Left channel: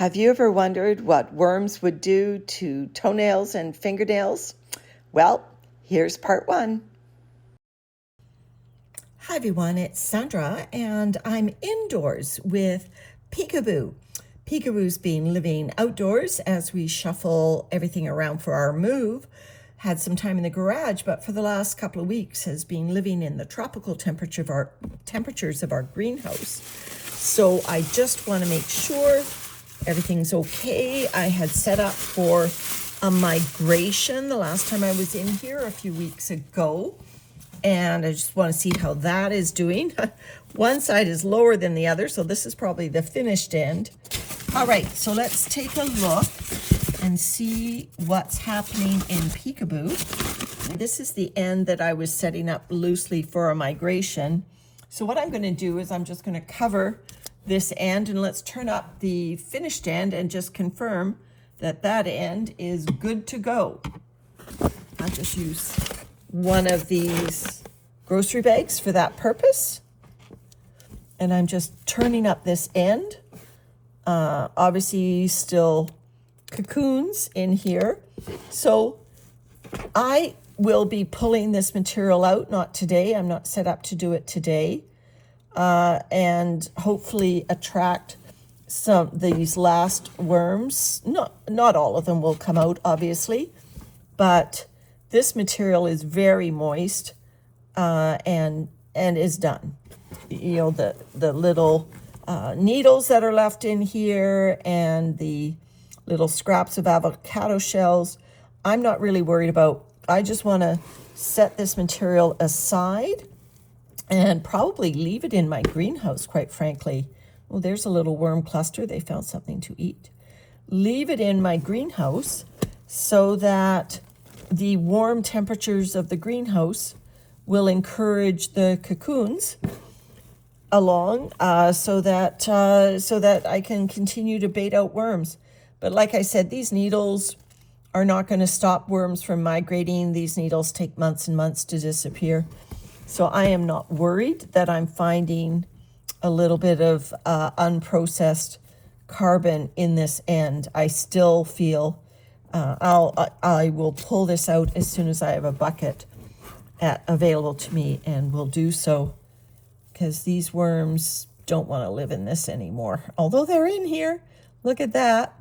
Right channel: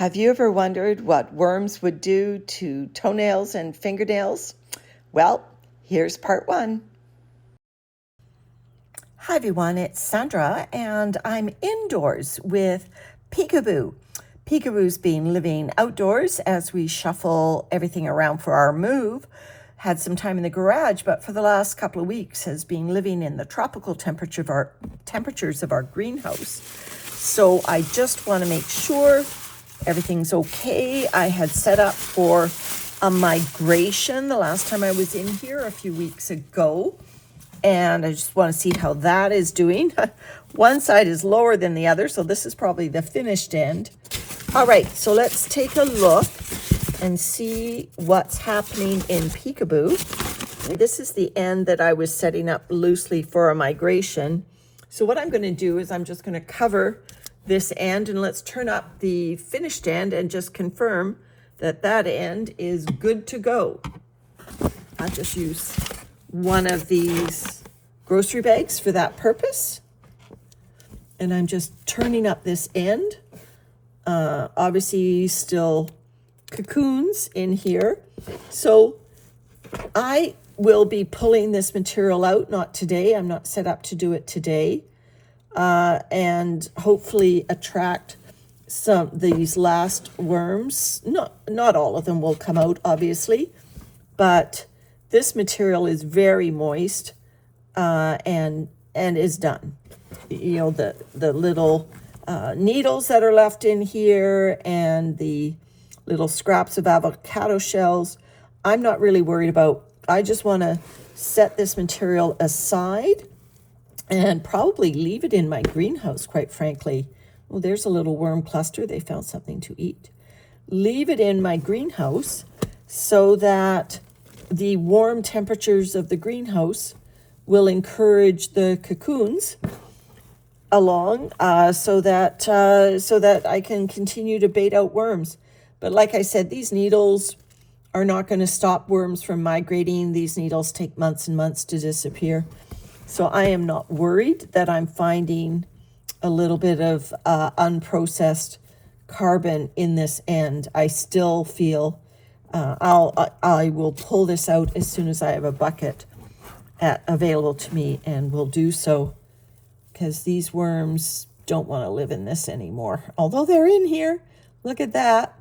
Have you ever wondered what worms would do to toenails and fingernails? Well, here's part one. Hi everyone, it's Sandra and I'm indoors with Peekaboo. Peekaboo's been living outdoors as we shuffle everything around for our move. Had some time in the garage, but for the last couple of weeks has been living in the tropical temperatures of our greenhouse. So I just want to make sure everything's okay. I had set up for a migration the last time I was in here a few weeks ago, and I just want to see how that is doing. One side is lower than the other, so this is probably the finished end. All right, so let's take a look and see what's happening in Peekaboo. This is the end that I was setting up loosely for a migration. So what I'm going to do is I'm just going to cover this end, and let's turn up the finished end and just confirm that that end is good to go. I'll just use one of these grocery bags for that purpose. And I'm just turning up this end. Obviously still cocoons in here. So I will be pulling this material out, not today. I'm not set up to do it today. And hopefully attract these last worms. Not all of them will come out, obviously, but this material is very moist and is done. You know, the little needles that are left in here and the little scraps of avocado shells, I'm not really worried about. I just want to set this material aside and probably leave it in my greenhouse, quite frankly. Well, there's a little worm cluster. They found something to eat. Leave it in my greenhouse so that the warm temperatures of the greenhouse will encourage the cocoons along so that I can continue to bait out worms. But like I said, these needles are not going to stop worms from migrating. These needles take months and months to disappear. So I am not worried that I'm finding a little bit of unprocessed carbon in this end. I still feel I will pull this out as soon as I have a bucket available to me, and will do so because these worms don't want to live in this anymore. Although they're in here. Look at that.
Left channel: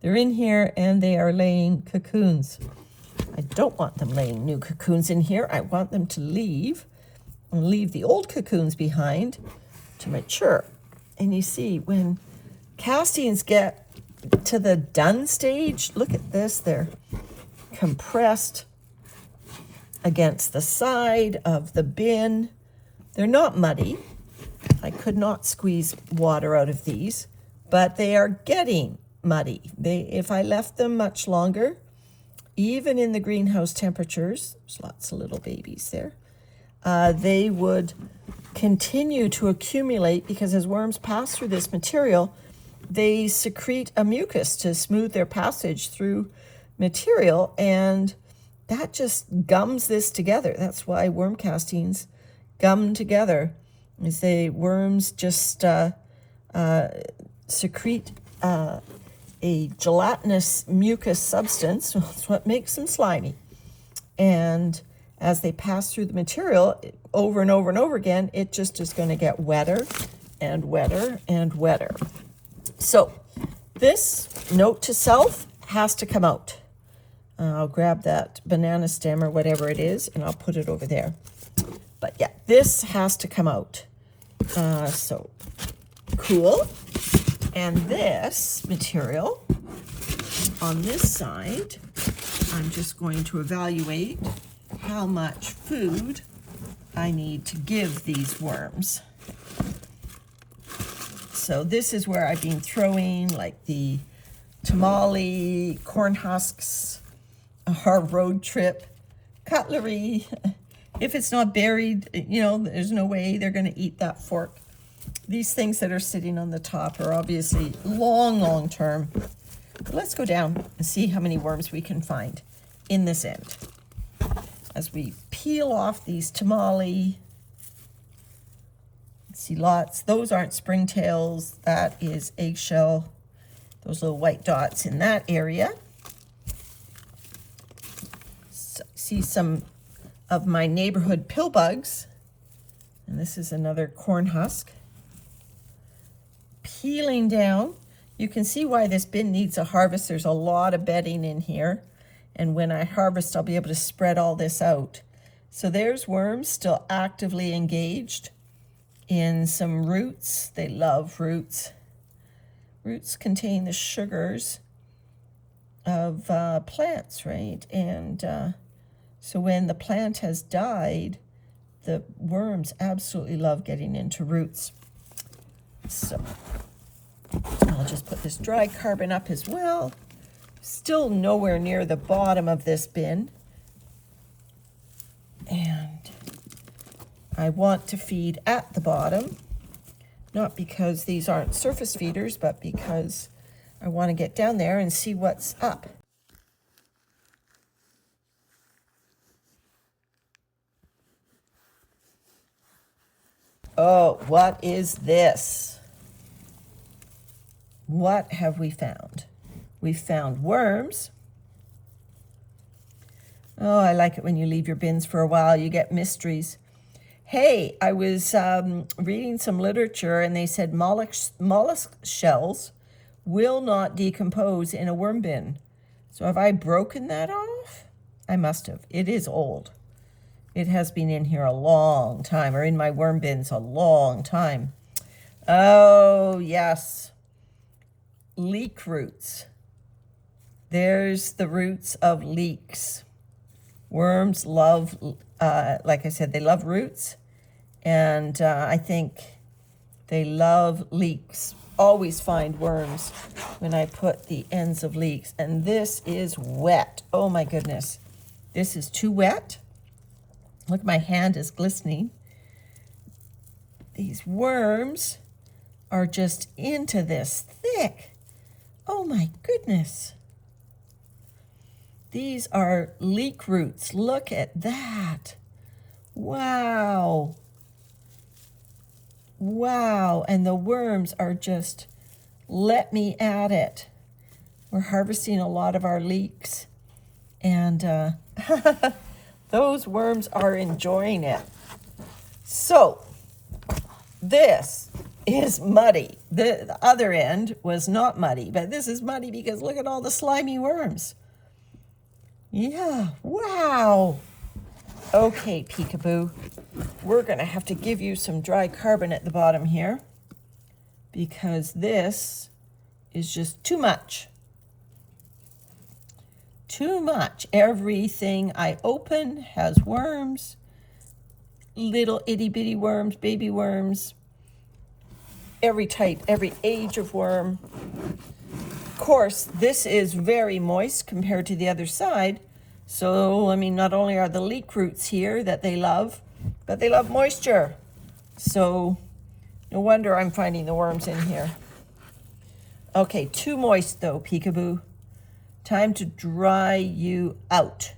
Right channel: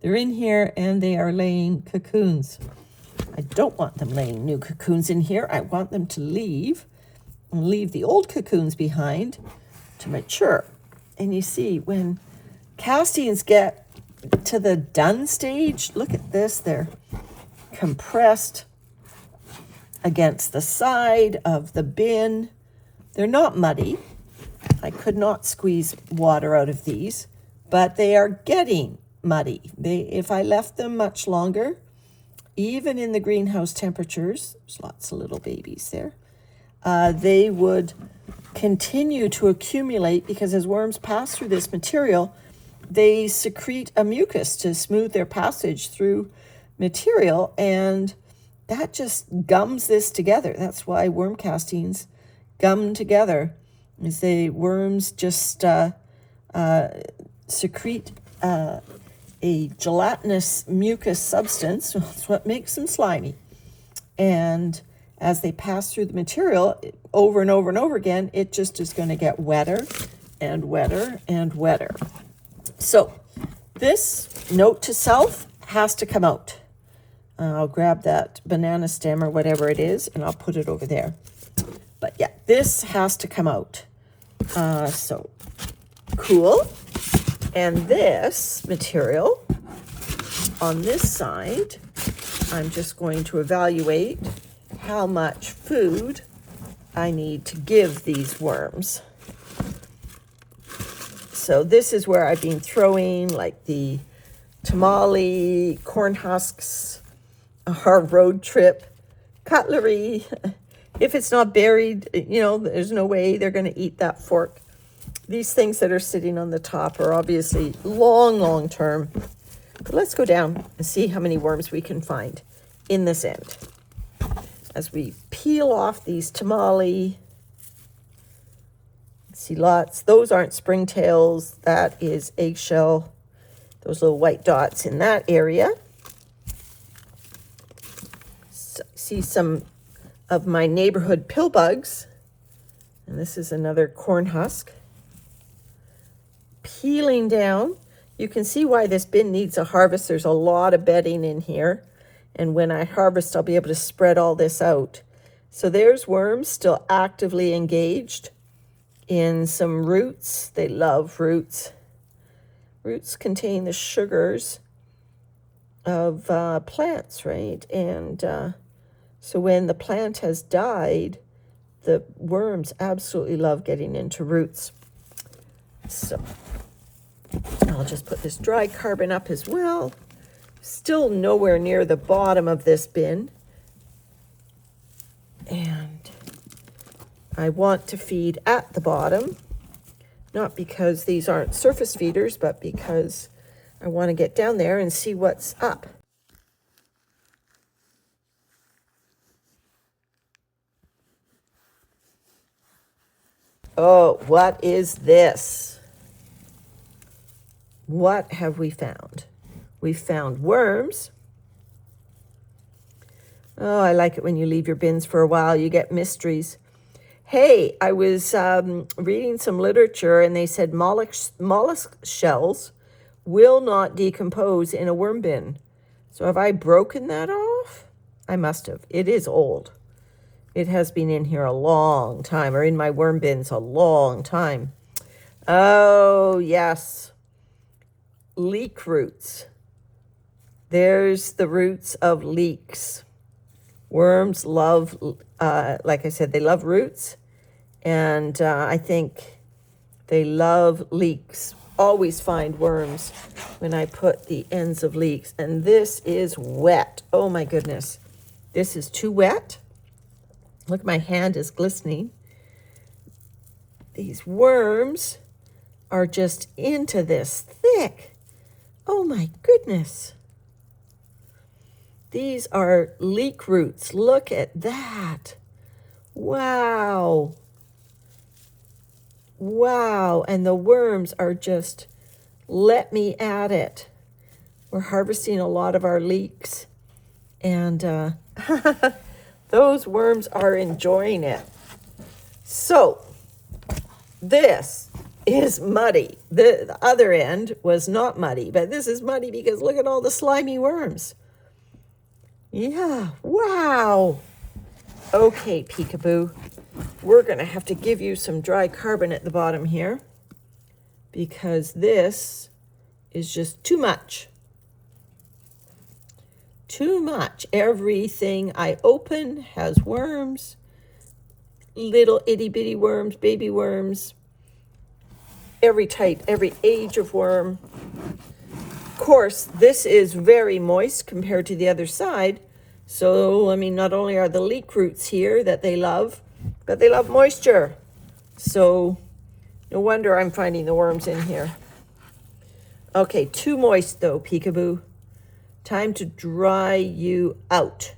They're in here and they are laying cocoons. I don't want them laying new cocoons in here. I want them to leave and leave the old cocoons behind to mature. And you see, when castings get to the done stage, look at this, they're compressed against the side of the bin. They're not muddy. I could not squeeze water out of these, but they are getting muddy. If I left them much longer, even in the greenhouse temperatures, there's lots of little babies there, they would continue to accumulate because as worms pass through this material, they secrete a mucus to smooth their passage through material, and that just gums this together. That's why worm castings gum together, is the worms just secrete a gelatinous mucus substance. That's what makes them slimy. And as they pass through the material over and over and over again, it just is going to get wetter and wetter and wetter. So this note to self has to come out. I'll grab that banana stem or whatever it is, and I'll put it over there. But yeah, this has to come out. So cool. And this material on this side, I'm just going to evaluate how much food I need to give these worms. So this is where I've been throwing like the tamale, corn husks, our road trip, cutlery. If it's not buried, you know, there's no way they're going to eat that fork. These things that are sitting on the top are obviously long term. But let's go down and see how many worms we can find in this end. As we peel off these tamale, see lots. Those aren't springtails. That is eggshell. those little white dots in that area. See some of my neighborhood pill bugs. And this is another corn husk. Peeling down. You can see why this bin needs a harvest. There's a lot of bedding in here. And when I harvest, I'll be able to spread all this out. So there's worms still actively engaged in some roots. They love roots. Roots contain the sugars of plants, right? And so when the plant has died, the worms absolutely love getting into roots. So I'll just put this dry carbon up as well. Still nowhere near the bottom of this bin. And I want to feed at the bottom, not because these aren't surface feeders, but because I want to get down there and see what's up. Oh, what is this? What have we found? We found worms. Oh, I like it when you leave your bins for a while. You get mysteries. Hey, I was reading some literature and they said mollusk shells will not decompose in a worm bin. So have I broken that off? I must have. It is old. It has been in here a long time, or in my worm bins a long time. Oh, yes. Leek roots. There's the roots of leeks. Worms love, like I said, they love roots. And I think they love leeks. Always find worms when I put the ends of leeks. And this is wet. Oh, my goodness. This is too wet. Look, my hand is glistening. These worms are just into this thick. Oh my goodness. These are leek roots. Look at that. Wow. Wow. And the worms are just, let me at it. We're harvesting a lot of our leeks. And those worms are enjoying it. So this is muddy. The other end was not muddy, but this is muddy because look at all the slimy worms. Yeah, wow. Okay, Peekaboo, we're going to have to give you some dry carbon at the bottom here because this is just too much. Too much. Everything I open has worms, little itty bitty worms, baby worms, every type, every age of worm. Of course, this is very moist compared to the other side. So, I mean, not only are the leek roots here that they love, but they love moisture. So, no wonder I'm finding the worms in here. Okay, too moist though, Peekaboo. Time to dry you out.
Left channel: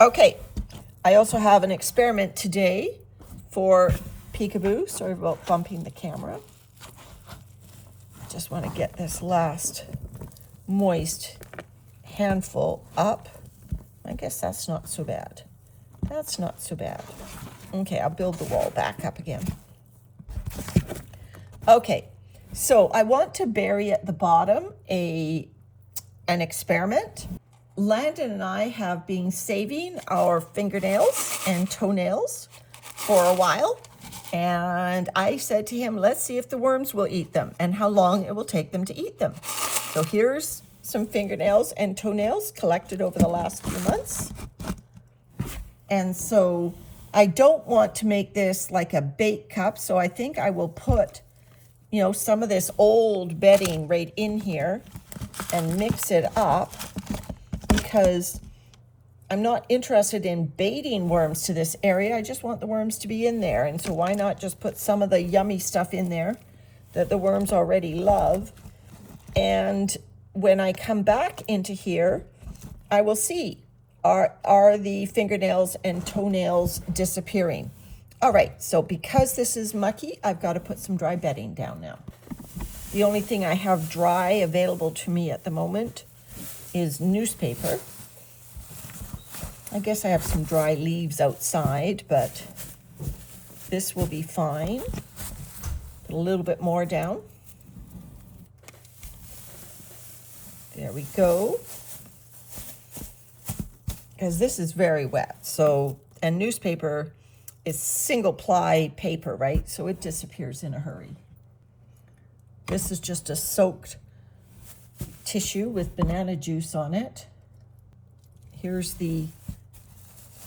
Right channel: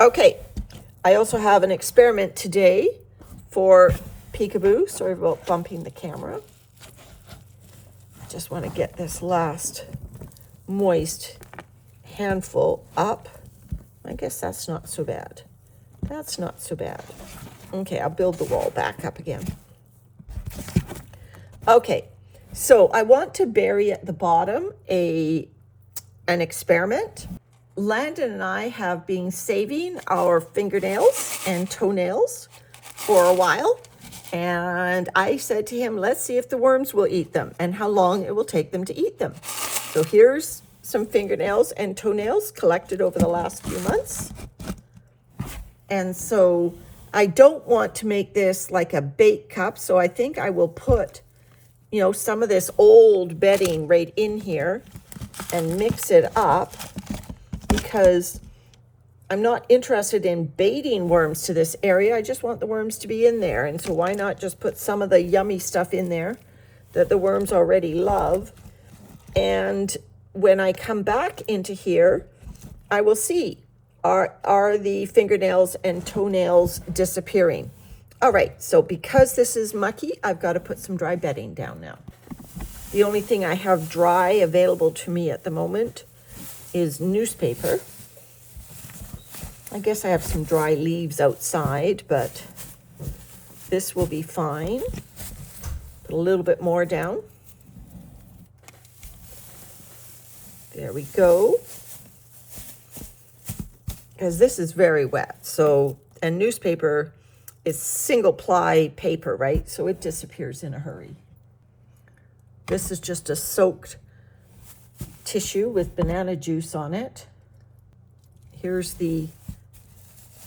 Okay, I also have an experiment today for Peekaboo. Sorry about bumping the camera. Just want to get this last moist handful up. I guess that's not so bad. That's not so bad. Okay, I'll build the wall back up again. Okay, so I want to bury at the bottom an experiment. Landon and I have been saving our fingernails and toenails for a while. And I said to him, let's see if the worms will eat them and how long it will take them to eat them. So here's some fingernails and toenails collected over the last few months. And so I don't want to make this like a bake cup. So I think I will put, some of this old bedding right in here and mix it up because I'm not interested in baiting worms to this area. I just want the worms to be in there. And so why not just put some of the yummy stuff in there that the worms already love. And when I come back into here, I will see, are the fingernails and toenails disappearing? All right, so because this is mucky, I've got to put some dry bedding down now. The only thing I have dry available to me at the moment is newspaper. I guess I have some dry leaves outside, but this will be fine. Put a little bit more down. There we go. Because this is very wet, so, and newspaper is single ply paper, right? So it disappears in a hurry. This is just a soaked tissue with banana juice on it. Here's the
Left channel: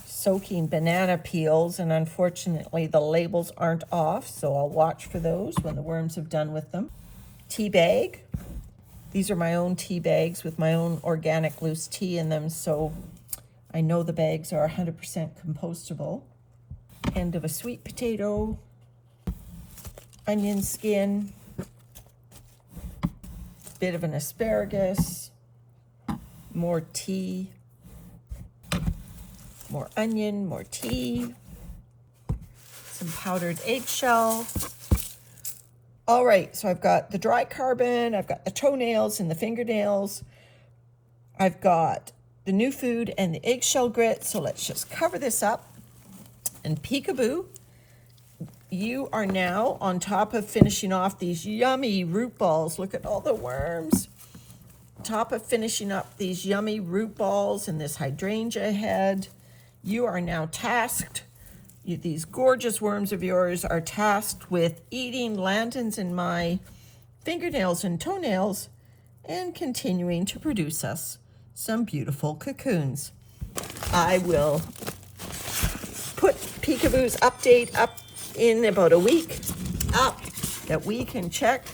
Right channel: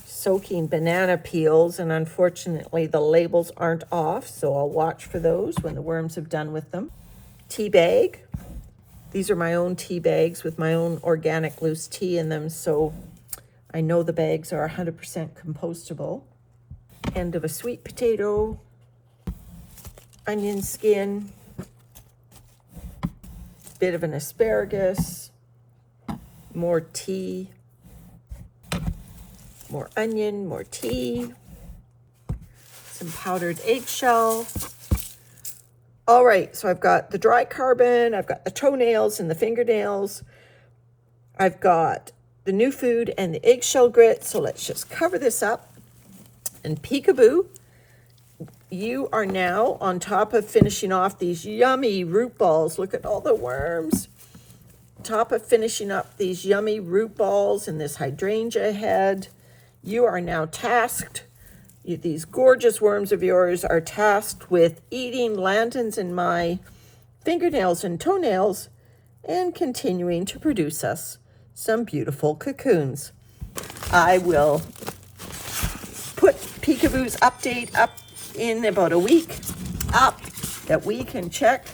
soaking banana peels, and unfortunately the labels aren't off, so I'll watch for those when the worms have done with them. Tea bag. These are my own tea bags with my own organic loose tea in them, so I know the bags are 100% compostable. End of a sweet potato, onion skin, bit of an asparagus, more tea, more onion, more tea, some powdered eggshell. All right, so I've got the dry carbon, I've got the toenails and the fingernails, I've got the new food and the eggshell grit. So let's just cover this up. And Peekaboo, you are now on top of finishing off these yummy root balls. Look at all the worms. Top of finishing up these yummy root balls and this hydrangea head. You are now tasked, these gorgeous worms of yours are tasked with eating Landon's and my fingernails and toenails and continuing to produce us some beautiful cocoons. I will put Peekaboo's update up in about a week up that we can check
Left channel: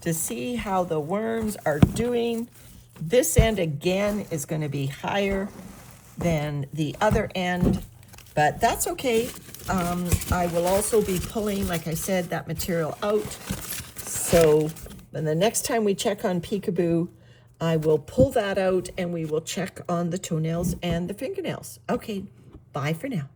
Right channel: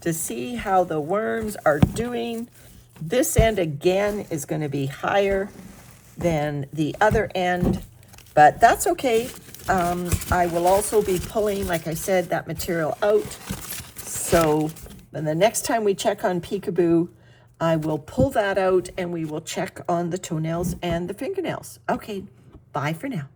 to see how the worms are doing. This end again is going to be higher than the other end, but that's okay. I will also be pulling, like I said, that material out. So then the next time we check on Peekaboo, I will pull that out and we will check on the toenails and the fingernails. Okay, bye for now.